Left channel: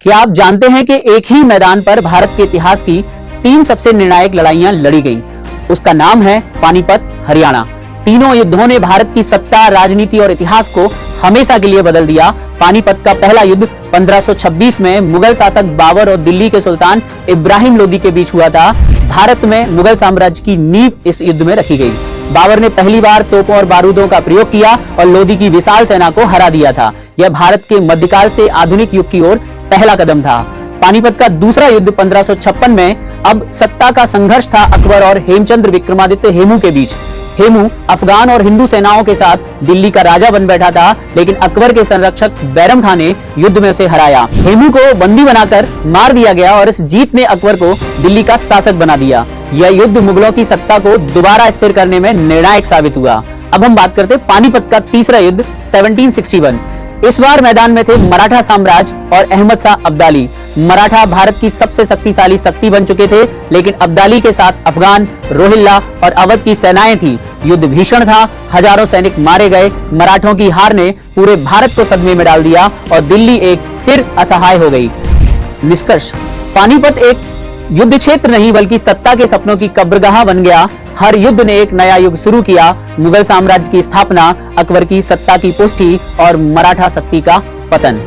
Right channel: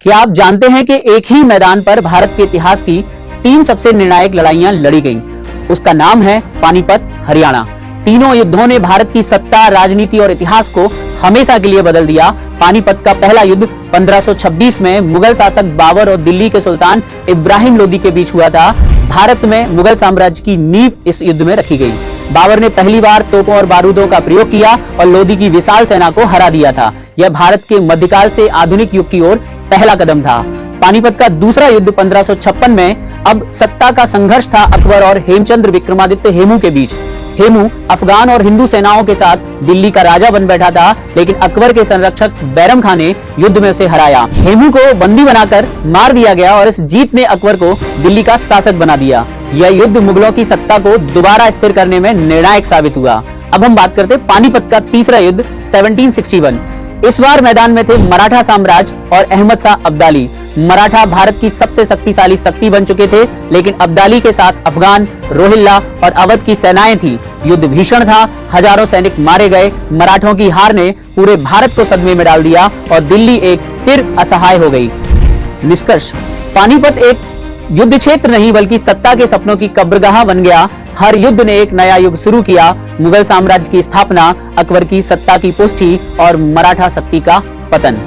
क्या आप जानते हैं कि एक ही मैदान पर भारत के इतिहास की 3 सबसे निर्णायक लड़ाइयां लड़ी गईं? उसका नाम है पानीपत, हरियाणा। तीनों युद्धों ने भारत की सत्ता, राजनीति और इतिहास को हमेशा के लिए बदल दिया। पानीपत का पहला युद्ध 1526 में मुगल शासक बाबर और दिल्ली के सुल्तान इब्राहिम लोदी के बीच हुआ था। भारत में मुगल साम्राज्य की नींव इस युद्ध में रखी गई। बाबर ने पहली बार तोपों और बारूदों का प्रयोग किया और लोदी की विशाल सेना को हरा दिया था। यह भारत के मध्यकाल से आधुनिक युग की ओर पहला कदम था। पानीपत का दूसरा युद्ध 1556 में अब सत्ता का संघर्ष था अकबर और हेमचंद्र विक्रमादित्य हेमू के बीच। हेमू अफगान और हिंदू सेनाओं के साथ दिल्ली का राजा बन बैठा था, लेकिन अकबर के संरक्षक बैरम खान ने युद्ध में उसे हराया। हेमू को बंदी बनाकर मार दिया गया और इस जीत ने अकबर को दिल्ली का शासक बना दिया। यह युद्ध मुगलों की सत्ता को दोबारा स्थिर करने में निर्णायक साबित हुआ। अब हम बात करते हैं पानीपत का तीसरा युद्ध 1761। इस बार मैदान में थे मराठा साम्राज्य और अहमद शाह अब्दाली। मराठा भारत की सबसे शक्तिशाली शक्ति बन चुके थे, लेकिन अब्दाली के साथ अफगान, रोहिल्ला और अवध की सेनाएं थी। युद्ध भीषण था, हजारों सैनिक मारे गए। मराठों की हार ने पूरे भारत को सदमे में डाल दिया और दिल्ली एक फिर असहाय हो गई। निष्कर्ष, पानीपत एक युद्ध क्षेत्र नहीं बल्कि सत्ता के सपनों की कब्रगाह बन गया। हर युद्ध ने एक नया युग शुरू किया। मुगल साम्राज्य की स्थापना, अकबर की सत्ता की पुष्टि और मराठा शक्ति का पतन।